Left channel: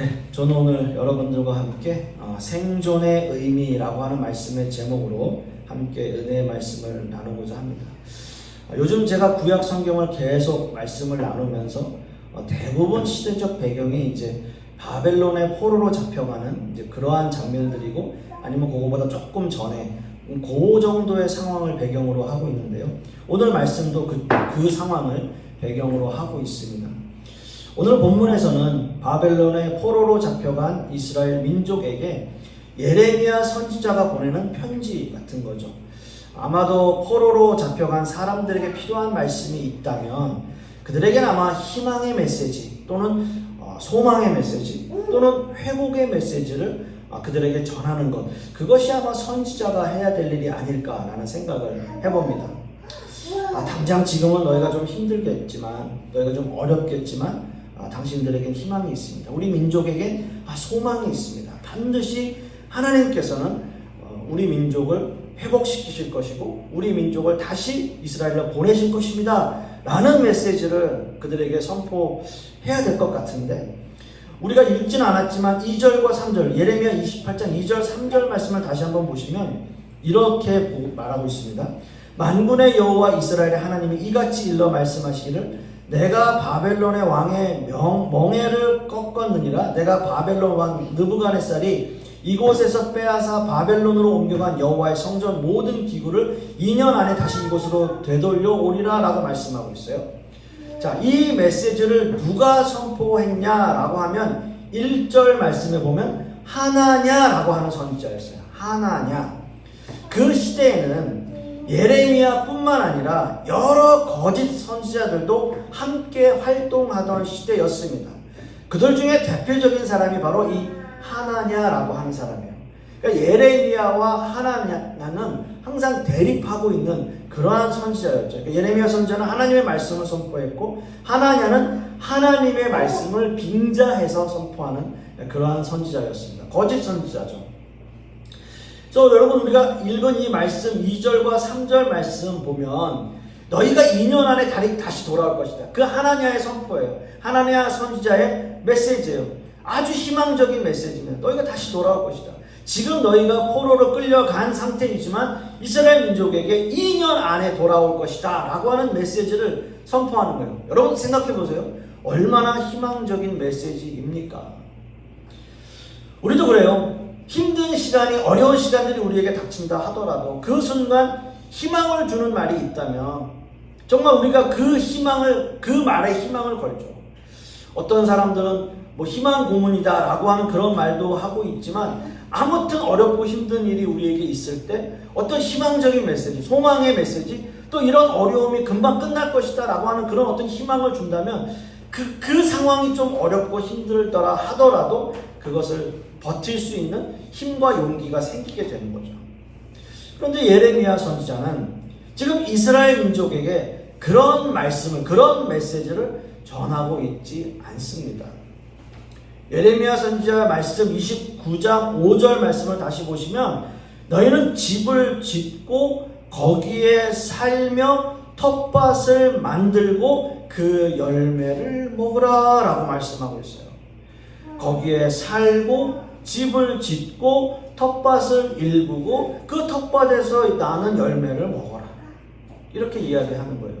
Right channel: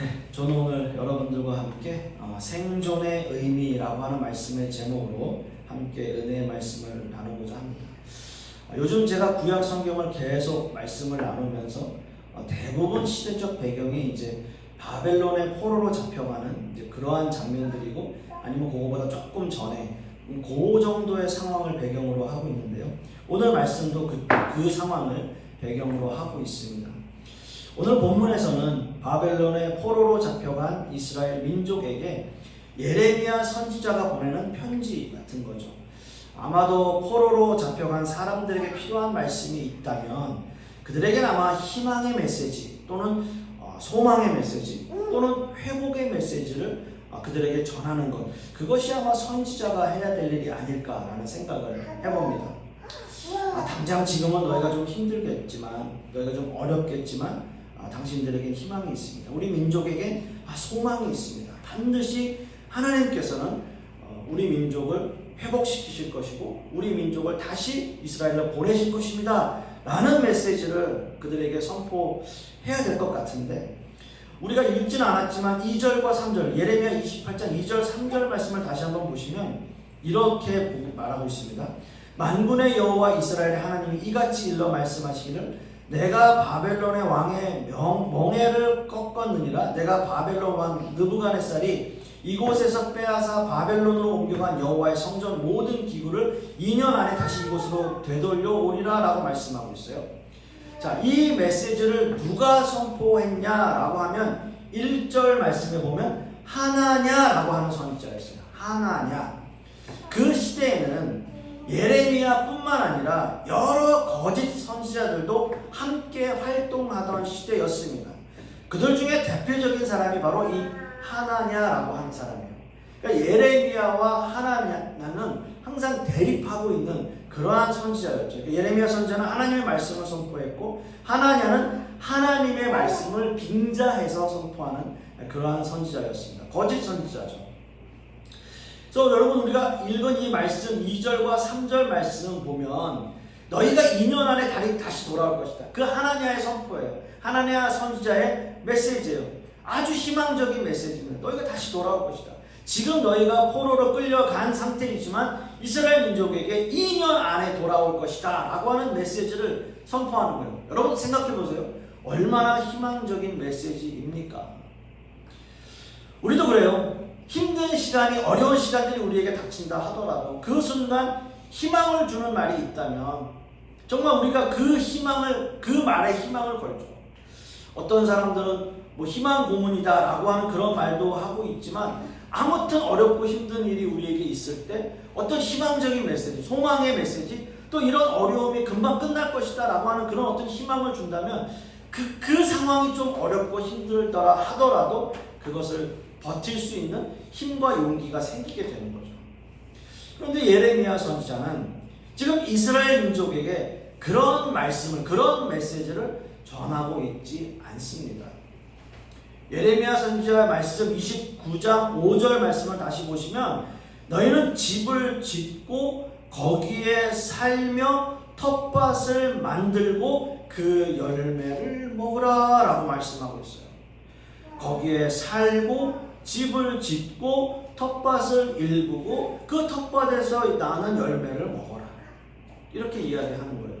네, 저는 오늘 여러분들과 함께 생존의 의미라고 하는 말씀의 제목으로 함께 은혜의 말씀을 나누고자 합니다. 요즘 제가 구약 성경을 계속 말씀을 나누면서 대부분 시대적 배경이 이제 바벨론의 포로로 잡혀가는 이제 그러한 장면들이고, 아니면 그거보다 조금 전에 그 정도의 상황을 배경으로 하고 있는데요. 오늘 말씀도 그 상황을 배경으로 하고 있습니다. 오늘 본문에서는 바벨론의 포로로 잡혀간 이스라엘 민족에게 예레미야 선지자가 보내는 편지 같은 거죠. 아마도 포로로 잡혀간 사람들에게 필요한 말씀이 있다면 그들에게는 아마 희망의 메시지 또는 소망의 메시지 또는 회복의 메시지를 그들에게 전하는 것, 그것이 아마 선지자가 해야 될 일이 아닐까라는 생각을 해봅니다. 당장 지금은 너희가 좀 힘들겠지만, 너희가 좀 어렵겠지만 당신들에겐 희망이 있습니다. 우리 민족에게 소망이 있습니다. 반드시 하나님께서는 우리 민족을 회복시키실 것이고 우리 민족을 다시 이스라엘로 보내실 것입니다 라는 메시지를 그들에게 선포해야 될 것 같은데, 우리가 읽지는 않았지만 2절과 3절, 예레미야 28장 2절 3절 말씀을 다시 한번 보시면 이렇게 말하고 있습니다. 만군의 여호와 이스라엘의 하나님이 이같이 일러 말씀하시기를, 내가 바벨론의 왕의 멍에를 꺾었느니라. 내가 바벨론 왕 느부갓네살이 이곳에서 빼앗아 바벨론으로 옮겨간 여호와의 성전 모든 기구를 2년 안에 다시 이곳으로 되돌려 오리라 라고 말씀하고 있어요. 자, 이 메시지를 누가 선포했냐라고 하면 1절 말씀에 보면 하나냐라고 하는 선지자였어요. 하나냐. 그 시대에는 예레미야뿐만 아니라 여러 거짓 선지자들도 함께 활동하던 시대였습니다. 그들 중에 대표적인 사람이 바로 이 하나냐라고 하는 사람이에요. 그러니까 예레미야와 하나냐는 항상 대립하고 있는 그러한 선지자였죠. 그러니까 예레미야 선지자는 하나님의 말씀을 선포했고, 하나냐는 하나님의 말씀을 빙자해서 선포하는 그러한 선지자였습니다. 거짓 선지자죠. 그래서 여러분, 우리가 읽은 이 말씀 2절과 3절 말씀 보면 너희가 2년 안에 다시 돌아올 것이다. 그 하나냐의 선포예요. 하나냐 선지자의 메시지예요. 아주 희망적인 메시지입니다. 너희가 다시 돌아올 것이다. 지금 너희가 포로로 끌려간 상태이지만 이스라엘 민족에게 2년 안에 돌아올 것이다 라고 하는 메시지를 선포하는 거예요. 여러분 생각해 보세요. 얼마나 희망적인 메시지입니까? 우리도 그래요. 힘든 시간이, 어려운 시간들이 우리에게 닥친다 하더라도 그 순간 희망을 주는 말이 있다면 정말 우리가 그 말에 희망을 걸죠. 어떤 사람들은 희망 고문이다 라고 하는 그런 말도 하고 있지만, 아무튼 어렵고 힘든 일이 우리에게 있을 때 어떤 희망적인 메시지, 소망의 메시지, 또 이런 어려움이 금방 끝날 것이다 라고 하는 그런 어떤 희망을 준다면 그 상황이 좀 어렵고 힘들더라 하더라도 그것을 버틸 수 있는 힘과 용기가 생기게 되는 거죠. 그런데 예레미야 선지자는 지금 이스라엘 민족에게 그런 말씀을, 그런 메시지를 전하고 있지 않습니다. 예레미야 선지자 말씀 29장 5절 말씀을 다시 보시면, 너희는 집을 짓고 거기에 살며 텃밭을 만들고 그 열매를 먹으라 라고 말씀하고 있어요. 거기에 살고 집을 짓고 텃밭을 일구고 그 텃밭에서 나는 열매를 먹어라, 이렇게 이야기하는 거예요.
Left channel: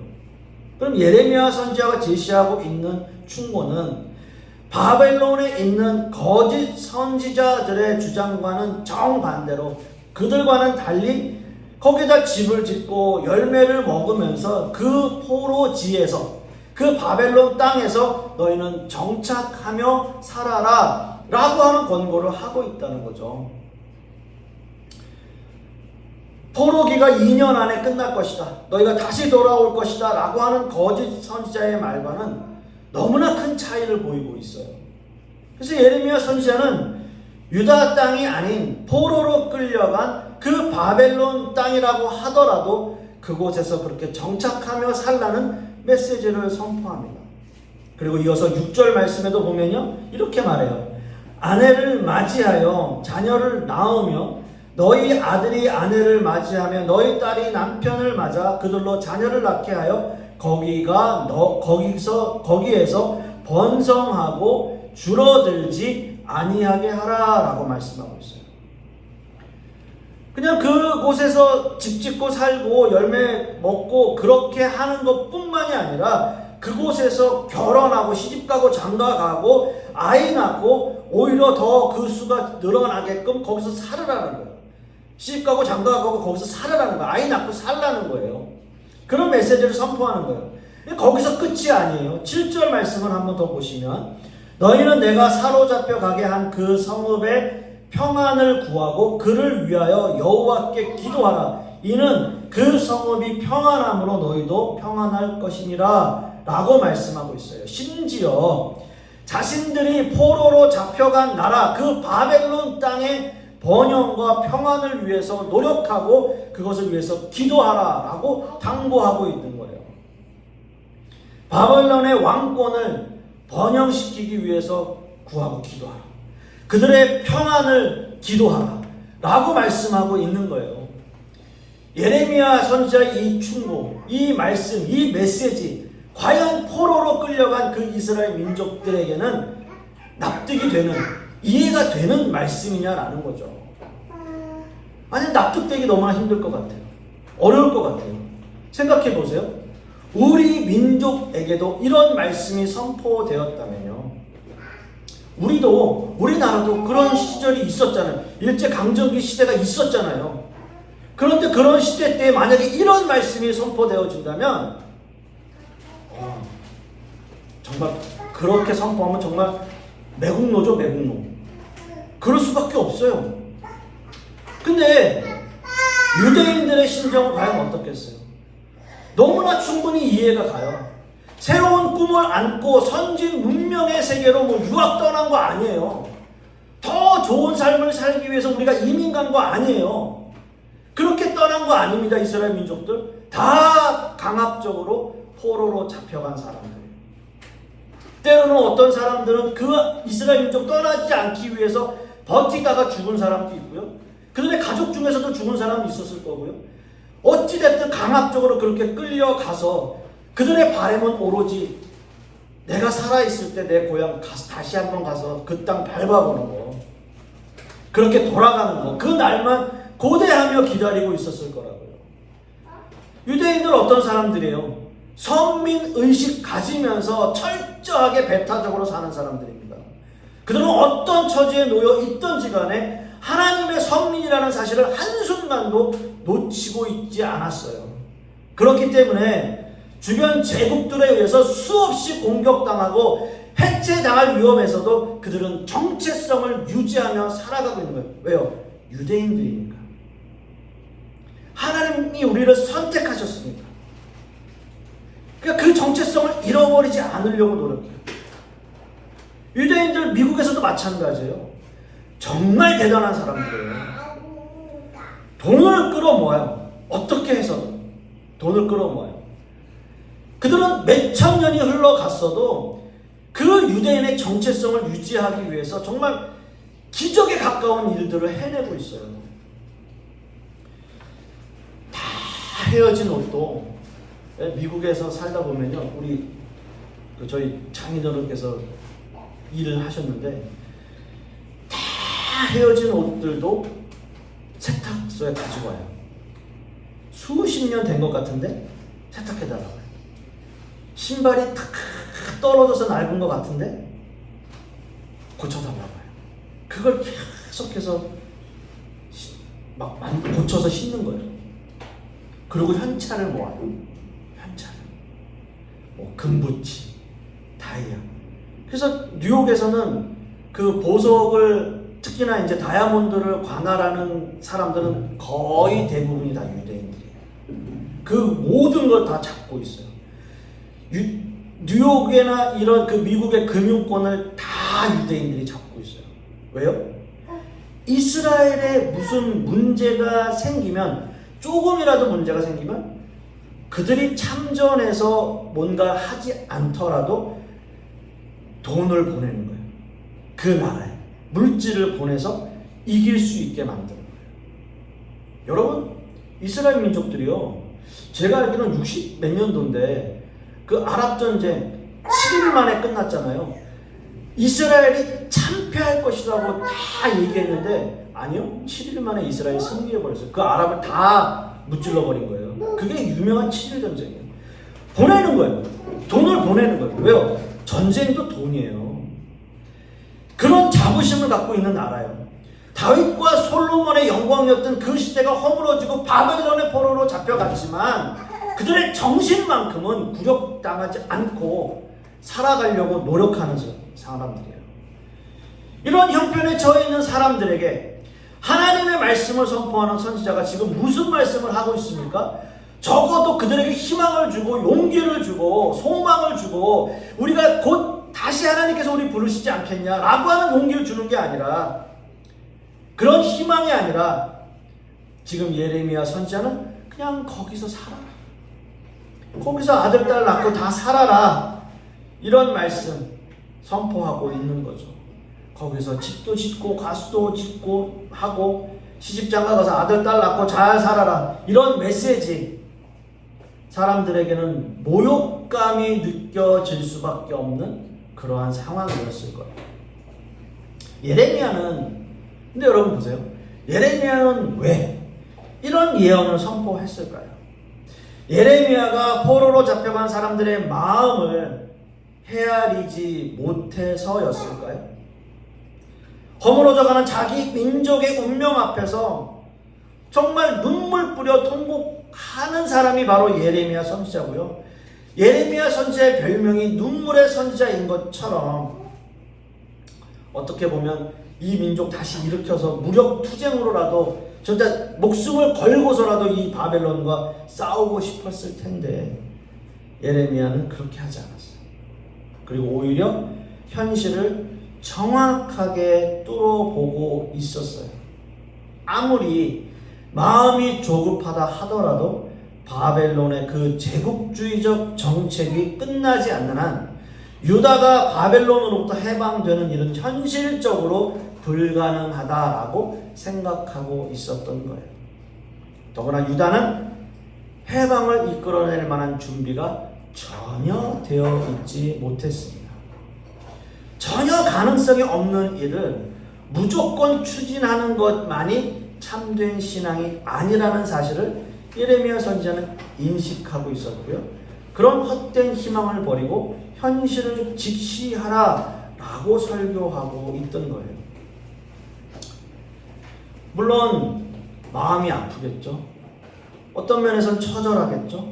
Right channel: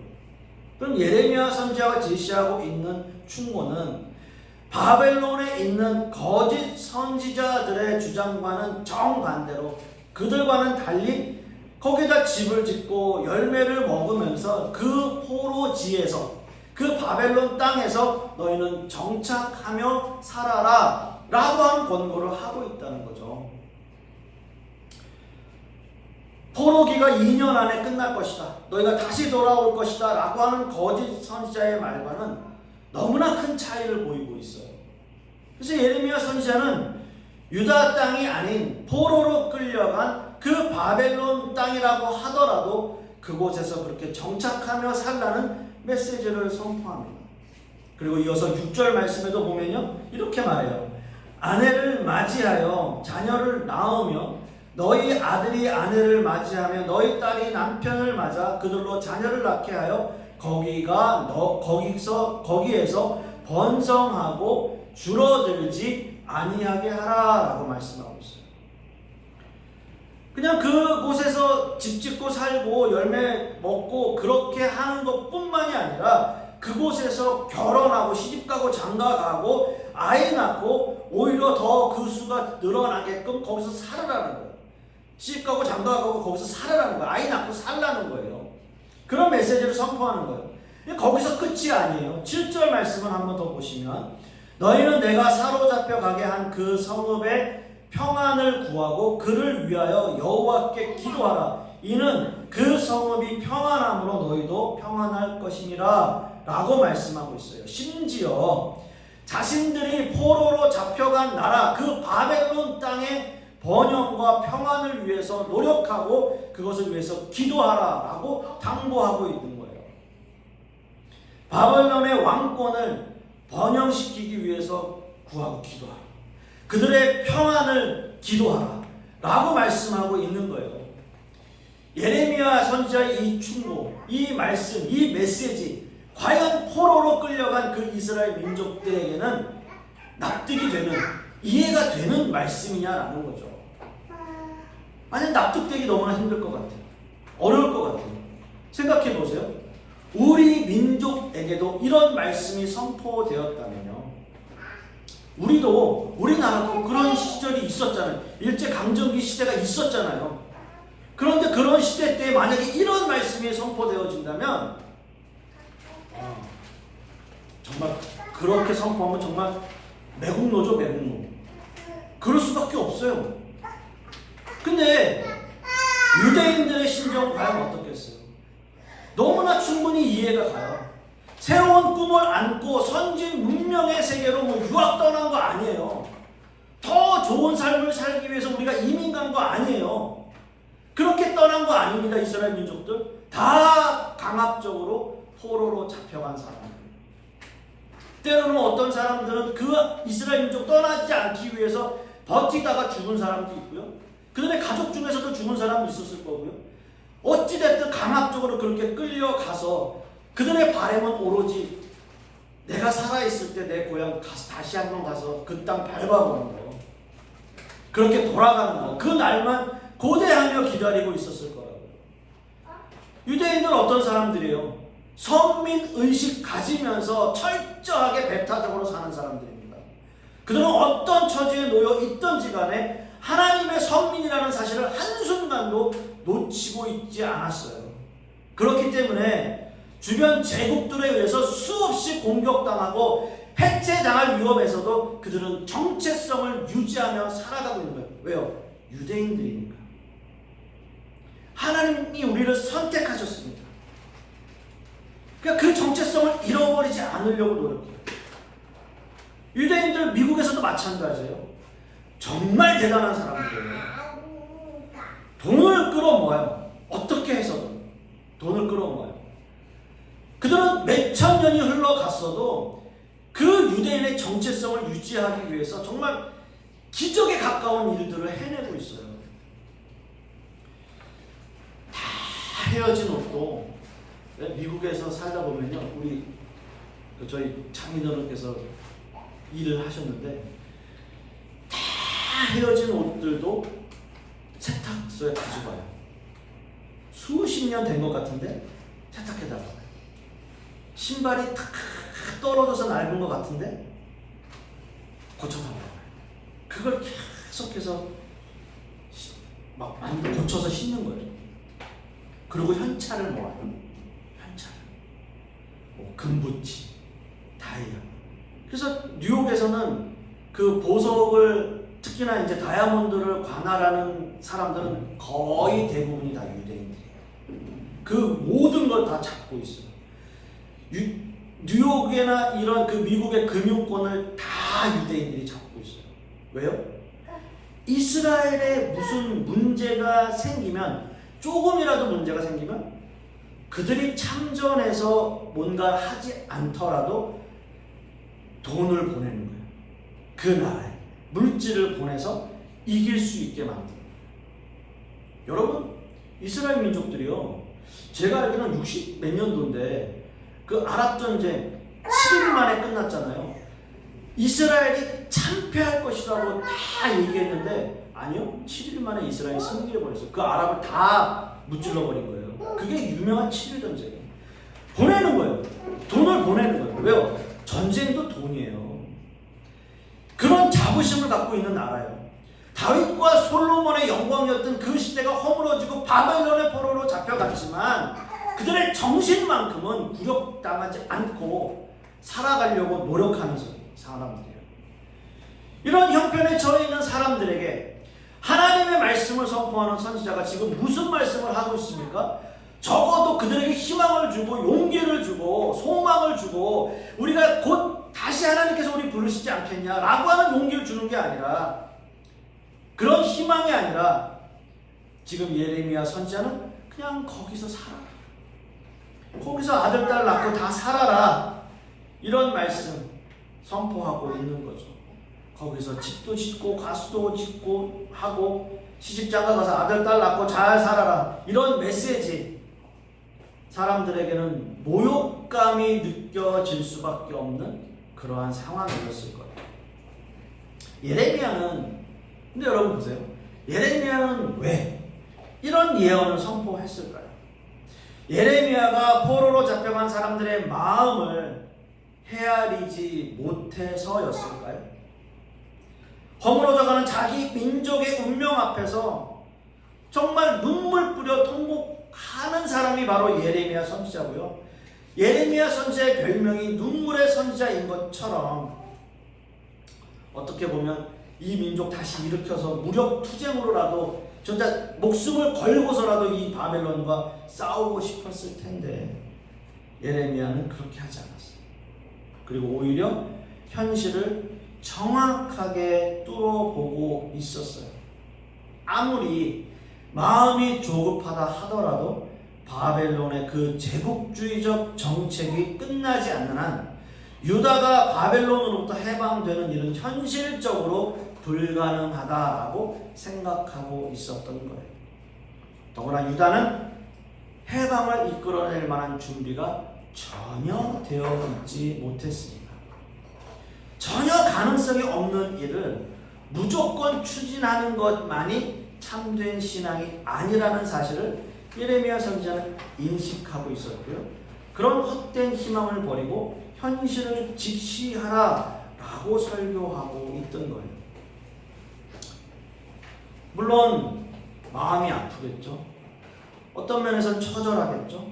그럼 예레미야 선지자가 제시하고 있는 충고는 바벨론에 있는 거짓 선지자들의 주장과는 정반대로, 그들과는 달리 거기다 집을 짓고 열매를 먹으면서 그 포로지에서, 그 바벨론 땅에서 너희는 정착하며 살아라 라고 하는 권고를 하고 있다는 거죠. 포로기가 2년 안에 끝날 것이다, 너희가 다시 돌아올 것이다 라고 하는 거짓 선지자의 말과는 너무나 큰 차이를 보이고 있어요. 그래서 예레미야 선지자는 유다 땅이 아닌 포로로 끌려간 그 바벨론 땅이라고 하더라도 그곳에서 그렇게 정착하며 살라는 메시지를 선포합니다. 그리고 이어서 6절 말씀에도 보면요, 이렇게 말해요. 아내를 맞이하여 자녀를 낳으며 너희 아들이 아내를 맞이하며 너희 딸이 남편을 맞아 그들로 자녀를 낳게 하여 거기에서 번성하고 줄어들지 아니하게 하라라고 말씀하고 있어요. 그냥 그곳에서 집 짓고 살고 열매 먹고 그렇게 하는 것뿐만이 아니라 그곳에서 결혼하고 시집가고 장가가고 아이 낳고 오히려 더 그 수가 늘어나게끔 거기서 살으라는 거예요. 시집가고 장가가고 거기서 살으라는 거예요. 아이 낳고 살라는 거예요. 그런 메시지를 선포하는 거예요. 거기서 끝이 아니에요. 7절 말씀을 한번 더 보시면 너희는 내가 사로잡혀 가게 한 그 성읍의 평안을 구하고 그를 위하여 여호와께 기도하라. 이는 그 성읍이 평안함으로 너희도 평안할 것임이라 라고 말씀하고 있어요. 심지어 자신들이 포로로 잡혀간 나라 그 바벨론 땅의 번영과 평안을 위해서 노력하고 그것을 위해서 기도하라 라고 당부하고 있는 거예요. 바벨론의 왕권을 번영시키기 위해서 구하고 기도하라. 그들의 평안을 기도하라 라고 말씀하고 있는 거예요. 예레미야 선지자의 이 충고, 이 말씀, 이 메시지 과연 포로로 끌려간 그 이스라엘 민족들에게는 납득이 되는, 이해가 되는 말씀이냐라는 거죠. 아니, 납득되기 너무나 힘들 것 같아요. 어려울 것 같아요. 생각해 보세요. 우리 민족에게도 이런 말씀이 선포되었다면요, 우리나라도 그런 시절이 있었잖아요. 일제강점기 시대가 있었잖아요. 그런데 그런 시대 때 만약에 이런 말씀이 선포되어진다면 정말 그렇게 선포하면 정말 매국노죠, 매국노. 그럴 수밖에 없어요. 근데 유대인들의 심정은 과연 어떻겠어요? 너무나 충분히 이해가 가요. 새로운 꿈을 안고 선진 문명의 세계로 유학 떠난 거 아니에요. 더 좋은 삶을 살기 위해서 우리가 이민 간 거 아니에요. 그렇게 떠난 거 아닙니다. 이스라엘 민족들 다 강압적으로 포로로 잡혀간 사람들. 때로는 어떤 사람들은 그 이스라엘 민족 떠나지 않기 위해서 버티다가 죽은 사람도 있고요. 그들의 가족 중에서도 죽은 사람이 있었을 거고요. 어찌됐든 강압적으로 그렇게 끌려가서 그들의 바람은 오로지 내가 살아있을 때 내 고향 다시 한번 가서 그 땅 밟아보는 거, 그렇게 돌아가는 거, 그 날만 고대하며 기다리고 있었을 거라고요. 유대인들 어떤 사람들이에요? 선민의식 가지면서 철저하게 배타적으로 사는 사람들입니다. 그들은 어떤 처지에 놓여 있던지 간에 하나님의 선민이라는 사실을 한순간도 놓치고 있지 않았어요. 그렇기 때문에 주변 제국들에 의해서 수없이 공격당하고 해체당할 위험에서도 그들은 정체성을 유지하며 살아가고 있는 거예요. 왜요? 유대인들이니까. 하나님이 우리를 선택하셨습니다. 그러니까 그 정체성을 잃어버리지 않으려고 노력해요. 유대인들 미국에서도 마찬가지예요. 정말 대단한 사람들이에요. 돈을 끌어모아요. 어떻게 해서든 돈을 끌어모아요. 그들은 몇천 년이 흘러갔어도 그 유대인의 정체성을 유지하기 위해서 정말 기적에 가까운 일들을 해내고 있어요. 다 헤어진 옷도, 미국에서 살다 보면요, 우리 저희 장인어른께서 일을 하셨는데 다 헤어진 옷들도 세탁소에 가지고 와요. 수십 년 된 것 같은데 세탁해달라고 해요. 신발이 탁 떨어져서 낡은 것 같은데 고쳐달라고 해요. 그걸 계속해서 막 고쳐서 신는 거예요. 그리고 현찰을 모아요. 현찰을. 금붙이, 다이아. 그래서 뉴욕에서는 그 보석을, 특히나 이제 다이아몬드를 관할하는 사람들은 거의 대부분이 다 유대인들이에요. 그 모든 걸 다 잡고 있어요. 뉴욕이나 이런 그 미국의 금융권을 다 유대인들이 잡고 있어요. 왜요? 이스라엘에 무슨 문제가 생기면, 조금이라도 문제가 생기면 그들이 참전해서 뭔가 하지 않더라도 돈을 보내는 거예요. 그 나라에 물질을 보내서 이길 수 있게 만드는 거예요. 여러분, 이스라엘 민족들이요, 제가 알기로는 60 몇 년도인데 그 아랍 전쟁 7일 만에 끝났잖아요. 이스라엘이 참패할 것이라고 다 얘기했는데 아니요. 7일 만에 이스라엘이 승리해버렸어요. 그 아랍을 다 무찔러 버린 거예요. 그게 유명한 7일 전쟁이에요. 보내는 거예요. 돈을 보내는 거예요. 왜요? 전쟁도 돈이에요. 그런 자부심을 갖고 있는 나라예요. 다윗과 솔로몬의 영광이었던 그 시대가 허물어지고 바벨론의 포로로 잡혀갔지만 그들의 정신만큼은 굴욕당하지 않고 살아가려고 노력하는 사람들이에요. 이런 형편에 처해 있는 사람들에게 하나님의 말씀을 선포하는 선지자가 지금 무슨 말씀을 하고 있습니까? 적어도 그들에게 희망을 주고 용기를 주고 소망을 주고 우리가 곧 다시 하나님께서 우리 부르시지 않겠냐라고 하는 용기를 주는 게 아니라, 그런 희망이 아니라 지금 예레미야 선지자는 그냥 거기서 살아라, 거기서 아들 딸 낳고 다 살아라, 이런 말씀 선포하고 있는 거죠. 거기서 집도 짓고 가수도 짓고 하고 시집장가 가서 아들 딸 낳고 잘 살아라, 이런 메시지 사람들에게는 모욕감이 느껴질 수밖에 없는 그러한 상황이었을 거예요. 예레미야는, 근데 여러분 보세요. 예레미야는 왜 이런 예언을 선포했을까요? 예레미야가 포로로 잡혀간 사람들의 마음을 헤아리지 못해서였을까요? 허물어져가는 자기 민족의 운명 앞에서 정말 눈물 뿌려 통곡하는 사람이 바로 예레미야 선지자고요. 예레미야 선지자의 별명이 눈물의 선지자인 것처럼 어떻게 보면 이 민족 다시 일으켜서 무력 투쟁으로라도 진짜 목숨을 걸고서라도 이 바벨론과 싸우고 싶었을 텐데 예레미야는 그렇게 하지 않았어요. 그리고 오히려 현실을 정확하게 뚫어보고 있었어요. 아무리 마음이 조급하다 하더라도 바벨론의 그 제국주의적 정책이 끝나지 않는 한 유다가 바벨론으로부터 해방되는 일은 현실적으로 불가능하다라고 생각하고 있었던 거예요. 더구나 유다는 해방을 이끌어낼 만한 준비가 전혀 되어 있지 못했습니다. 전혀 가능성이 없는 일을 무조건 추진하는 것만이 참된 신앙이 아니라는 사실을 예레미야 선지자는 인식하고 있었고요. 그런 헛된 희망을 버리고 현실을 직시하라라고 설교하고 있던 거예요. 물론 마음이 아프겠죠. 어떤 면에선 처절하겠죠.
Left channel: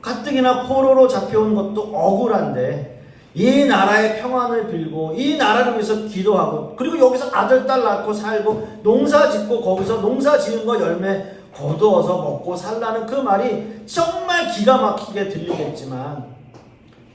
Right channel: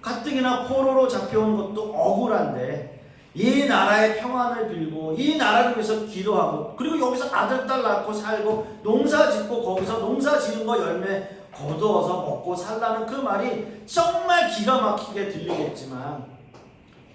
가뜩이나 포로로 잡혀온 것도 억울한데 이 나라의 평안을 빌고 이 나라를 위해서 기도하고 그리고 여기서 아들 딸 낳고 살고 농사 짓고 거기서 농사 지은 거 열매 거두어서 먹고 살라는 그 말이 정말 기가 막히게 들리겠지만,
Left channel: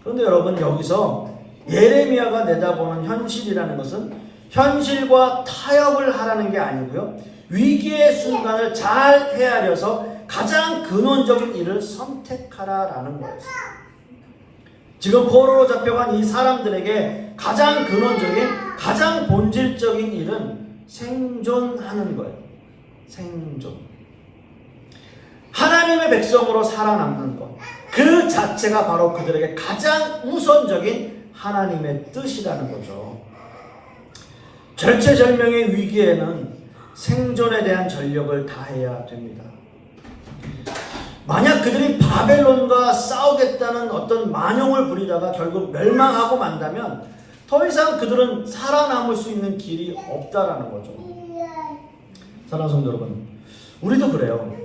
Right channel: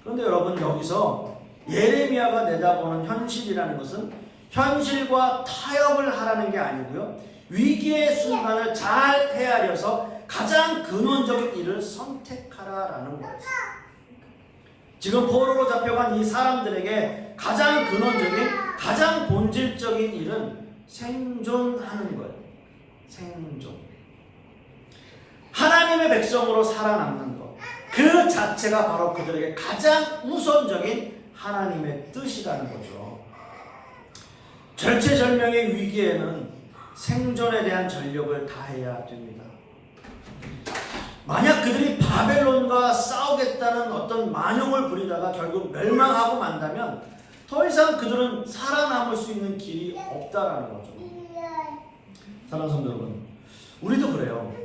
그런데 여러분 여기서 예레미야가 내다보는 현실이라는 것은 현실과 타협을 하라는 게 아니고요, 위기의 순간을 잘 헤아려서 가장 근원적인 일을 선택하라라는 거였어요. 지금 포로로 잡혀간 이 사람들에게 가장 근원적인, 가장 본질적인 일은 생존하는 거예요. 생존. 하나님의 백성으로 살아남는 것, 그 자체가 바로 그들에게 가장 우선적인 하나님의 뜻이라는 거죠. 절체절명의 위기에는 생존에 대한 전력을 다해야 됩니다. 만약 그들이 바벨론과 싸우겠다는 어떤 만용을 부리다가 결국 멸망하고 만다면 더 이상 그들은 살아남을 수 있는 길이 없다라는 거죠. 사랑하는 성도 여러분, 우리도 그래요.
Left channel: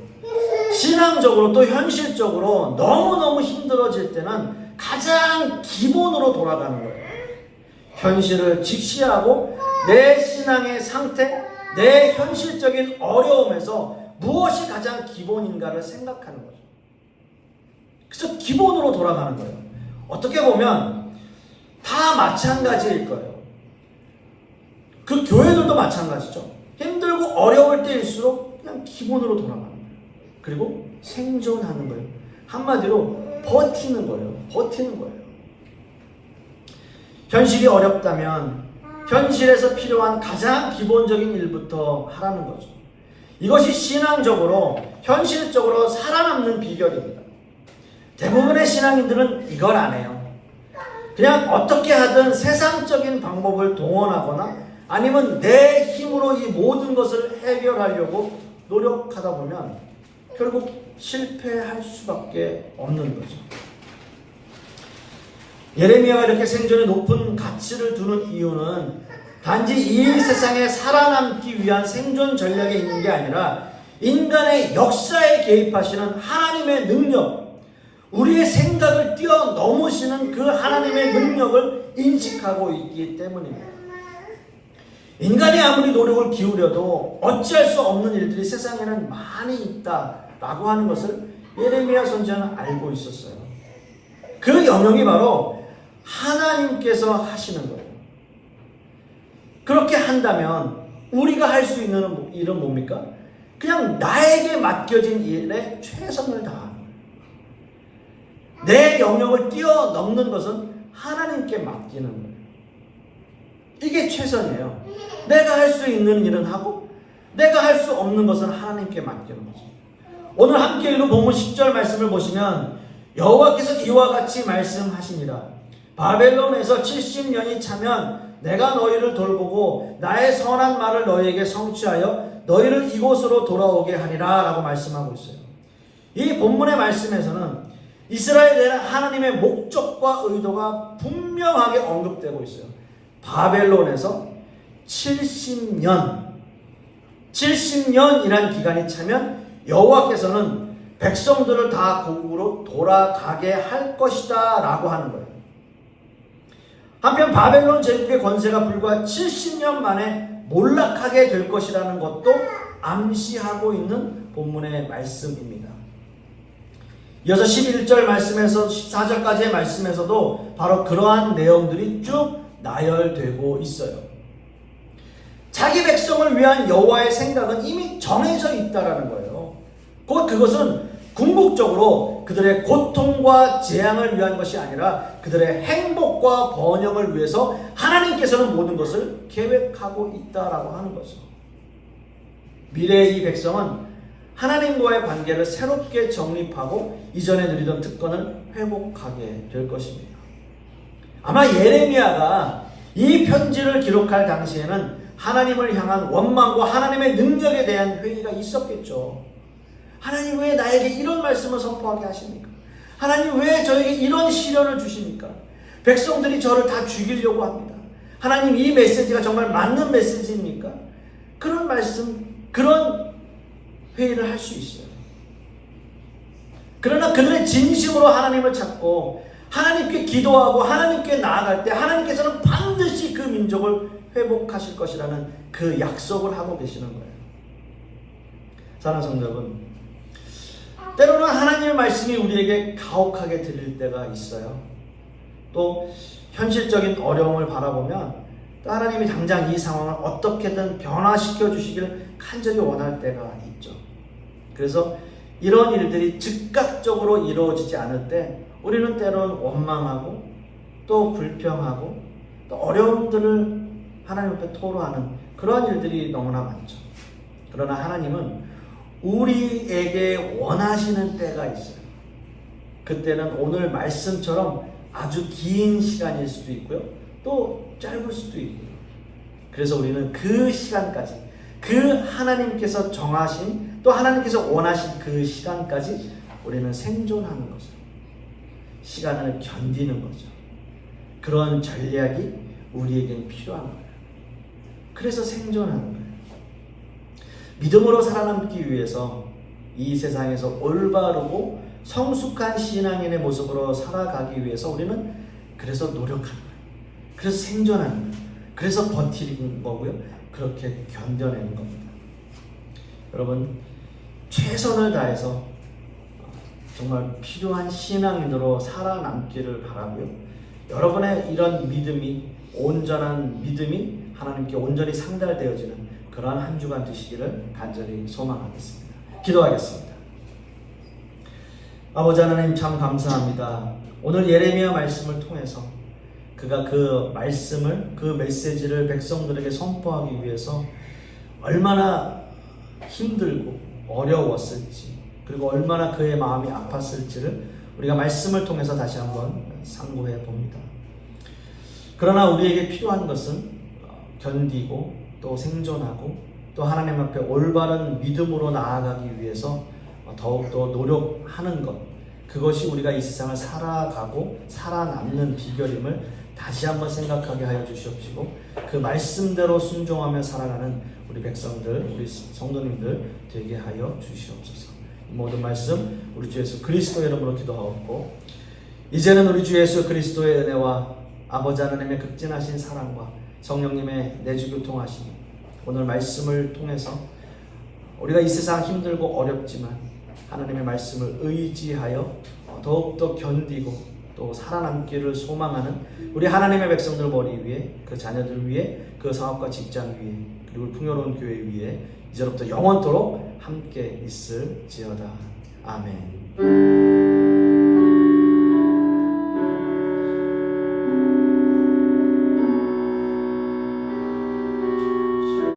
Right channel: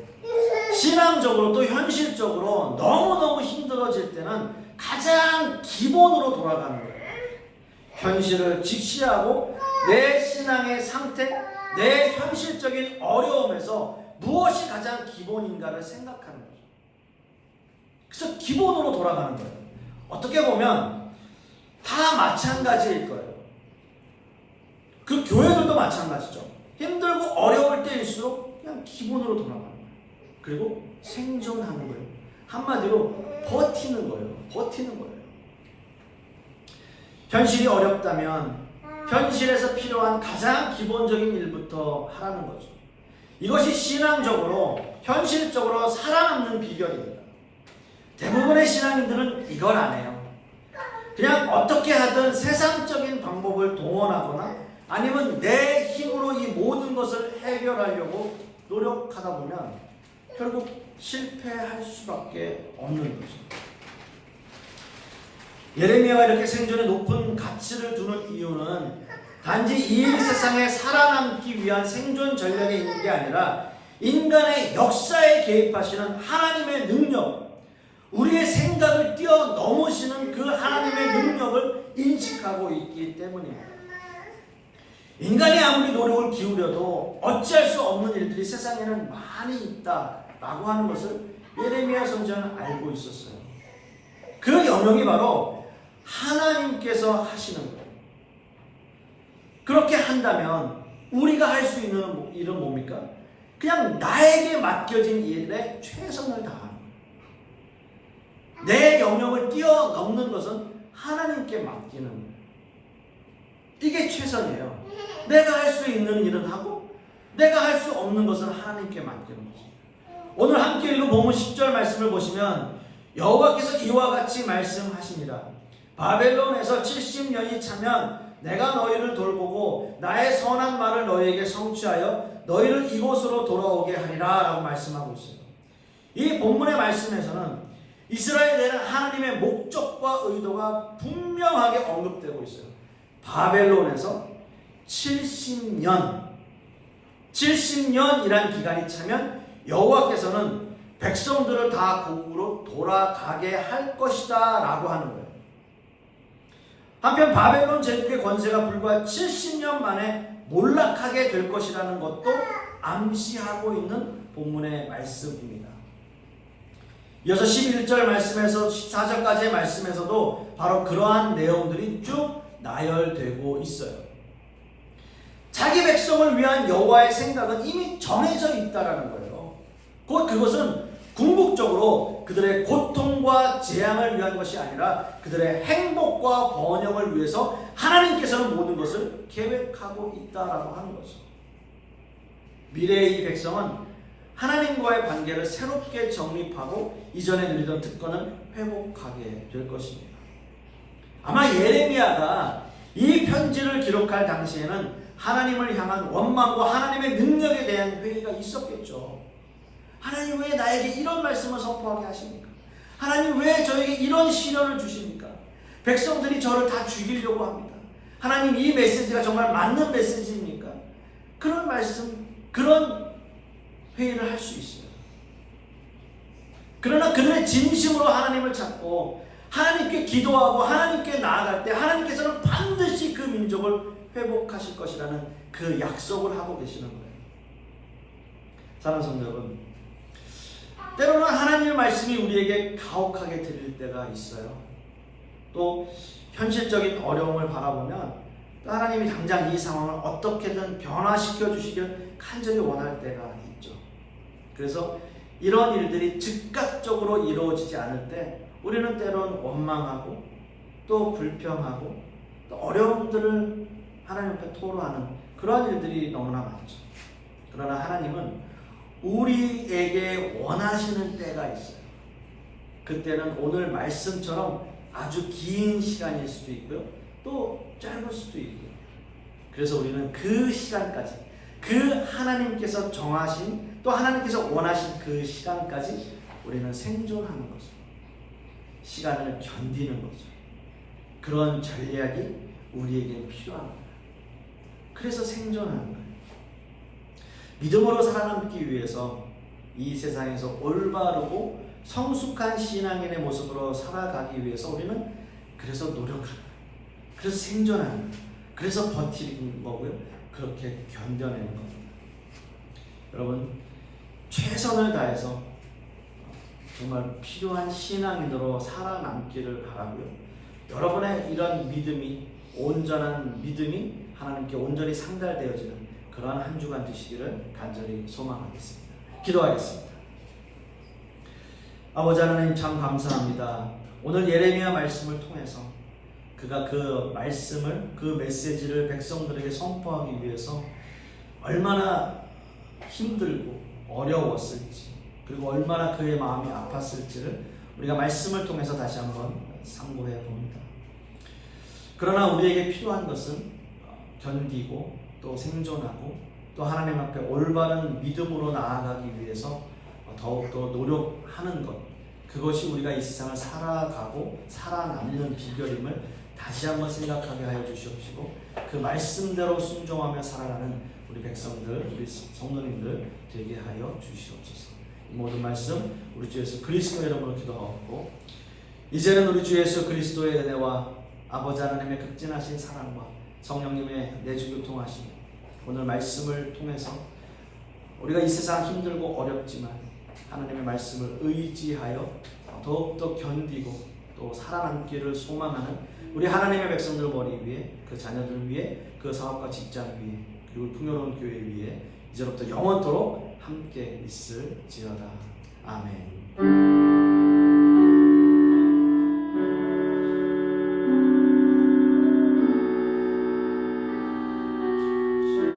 신앙적으로 또 현실적으로 너무너무 힘들어질 때는 가장 기본으로 돌아가는 거예요. 현실을 직시하고 내 신앙의 상태, 내 현실적인 어려움에서 무엇이 가장 기본인가를 생각하는 거죠. 그래서 기본으로 돌아가는 거예요. 어떻게 보면 다 마찬가지일 거예요. 그 교회들도 마찬가지죠. 힘들고 어려울 때일수록 그냥 기본으로 돌아가는 거예요. 그리고 생존하는 거예요. 한마디로 버티는 거예요. 버티는 거예요. 현실이 어렵다면 현실에서 필요한 가장 기본적인 일부터 하라는 거죠. 이것이 신앙적으로, 현실적으로 살아남는 비결입니다. 대부분의 신앙인들은 이걸 안 해요. 그냥 어떻게 하든 세상적인 방법을 동원하거나 아니면 내 힘으로 이 모든 것을 해결하려고 노력하다 보면 결국 실패할 수밖에 없는 거죠. 예레미야가 이렇게 생존에 높은 가치를 두는 이유는 단지 이 세상에 살아남기 위한 생존 전략에 있는 게 아니라 인간의 역사에 개입하시는 하나님의 능력, 우리의 생각을 뛰어넘으시는 그 하나님의 능력을 인식하고 있기 때문입니다. 인간이 아무리 노력을 기울여도 어찌할 수 없는 일들이 세상에는 많이 있다라고 하는 것을 예레미야 선지자는 알고 있었어요. 그 영역이 바로 하나님께서 하시는 거예요. 그렇게 한다면 우리가 할 수 있는 일은 뭡니까? 그냥 나에게 맡겨진 일에 최선을 다하는 거예요. 내 영역을 뛰어넘는 것은 하나님께 맡기는 거예요. 이게 최선이에요. 내가 할 수 있는 일은 하고 내가 할 수 없는 것은 하나님께 맡기는 거죠. 오늘 함께 읽은 본문 10절 말씀을 보시면 여호와께서 이와 같이 말씀하시니라. 바벨론에서 70년이 차면 내가 너희를 돌보고 나의 선한 말을 너희에게 성취하여 너희를 이곳으로 돌아오게 하리라 라고 말씀하고 있어요. 이 본문의 말씀에서는 이스라엘에 대한 하나님의 목적과 의도가 분명하게 언급되고 있어요. 바벨론에서 70년이란 기간이 차면 여호와께서는 백성들을 다 고국으로 돌아가게 할 것이다 라고 하는 거예요. 한편 바벨론 제국의 권세가 불과 70년 만에 몰락하게 될 것이라는 것도 암시하고 있는 본문의 말씀입니다. 이어서 11절 말씀에서 14절까지의 말씀에서도 바로 그러한 내용들이 쭉 나열되고 있어요. 자기 백성을 위한 여호와의 생각은 이미 정해져 있다라는 거예요. 곧 그것은 궁극적으로 그들의 고통과 재앙을 위한 것이 아니라 그들의 행복과 번영을 위해서 하나님께서는 모든 것을 계획하고 있다라고 하는 거죠. 미래의 이 백성은 하나님과의 관계를 새롭게 정립하고 이전에 누리던 특권을 회복하게 될 것입니다. 아마 예레미야가 이 편지를 기록할 당시에는 하나님을 향한 원망과 하나님의 능력에 대한 회의가 있었겠죠. 하나님 왜 나에게 이런 말씀을 선포하게 하십니까? 하나님 왜 저에게 이런 시련을 주십니까? 백성들이 저를 다 죽이려고 합니다. 하나님 이 메시지가 정말 맞는 메시지입니까? 그런 말씀, 그런 회의를 할 수 있어요. 그러나 그들의 진심으로 하나님을 찾고 하나님께 기도하고 하나님께 나아갈 때 하나님께서는 반드시 그 민족을 회복하실 것이라는 그 약속을 하고 계시는 거예요. 사랑하는 성도 여러분, 때로는 하나님의 말씀이 우리에게 가혹하게 들릴 때가 있어요. 또 현실적인 어려움을 바라보면 또 하나님이 당장 이 상황을 어떻게든 변화시켜 주시기를 간절히 원할 때가 있죠. 그래서 이런 일들이 즉각적으로 이루어지지 않을 때 우리는 때로는 원망하고 또 불평하고 또 어려움들을 하나님 앞에 토로하는 그런 일들이 너무나 많죠. 그러나 하나님은 우리에게 원하시는 때가 있어요. 그때는 오늘 말씀처럼 아주 긴 시간일 수도 있고요. 또 짧을 수도 있고요. 그래서 우리는 그 시간까지, 그 하나님께서 정하신 또 하나님께서 원하신 그 시간까지 우리는 생존하는 거죠. 시간을 견디는 거죠. 그런 전략이 우리에게 필요한 거예요. 그래서 생존하는 거예요. 믿음으로 살아남기 위해서 이 세상에서 올바르고 성숙한 신앙인의 모습으로 살아가기 위해서 우리는 그래서 노력하는 거예요. 그래서 생존하는 거예요. 그래서 버티는 거고요. 그렇게 견뎌내는 겁니다. 여러분, 최선을 다해서 정말 필요한 신앙인으로 살아남기를 바라고요. 여러분의 이런 믿음이, 온전한 믿음이 하나님께 온전히 상달되어지는 그러한 한 주간 되시기를 간절히 소망하겠습니다. 기도하겠습니다. 아버지 하나님 참 감사합니다. 오늘 예레미야 말씀을 통해서 그가 그 말씀을, 그 메시지를 백성들에게 선포하기 위해서 얼마나 힘들고 어려웠을지, 그리고 얼마나 그의 마음이 아팠을지를 우리가 말씀을 통해서 다시 한번 상고해 봅니다. 그러나 우리에게 필요한 것은 견디고 또 생존하고 또 하나님 앞에 올바른 믿음으로 나아가기 위해서 더욱더 노력하는 것, 그것이 우리가 이 세상을 살아가고 살아남는 비결임을 다시 한번 생각하게 하여 주시옵시고, 그 말씀대로 순종하며 살아가는 우리 백성들, 우리 성도님들 되게 하여 주시옵소서. 이 모든 말씀 우리 주 예수 그리스도의 이름으로 기도하옵고, 이제는 우리 주 예수 그리스도의 은혜와 아버지 하나님의 극진하신 사랑과 성령님의 내주교통하심, 오늘 말씀을 통해서 우리가 이 세상 힘들고 어렵지만 하나님의 말씀을 의지하여 더욱더 견디고 또 살아남기를 소망하는 우리 하나님의 백성들 머리 위에, 그 자녀들 위에, 그 사업과 직장 위에, 그리고 풍요로운 교회 위에 이제부터 영원토록 함께 있을지어다. 아멘.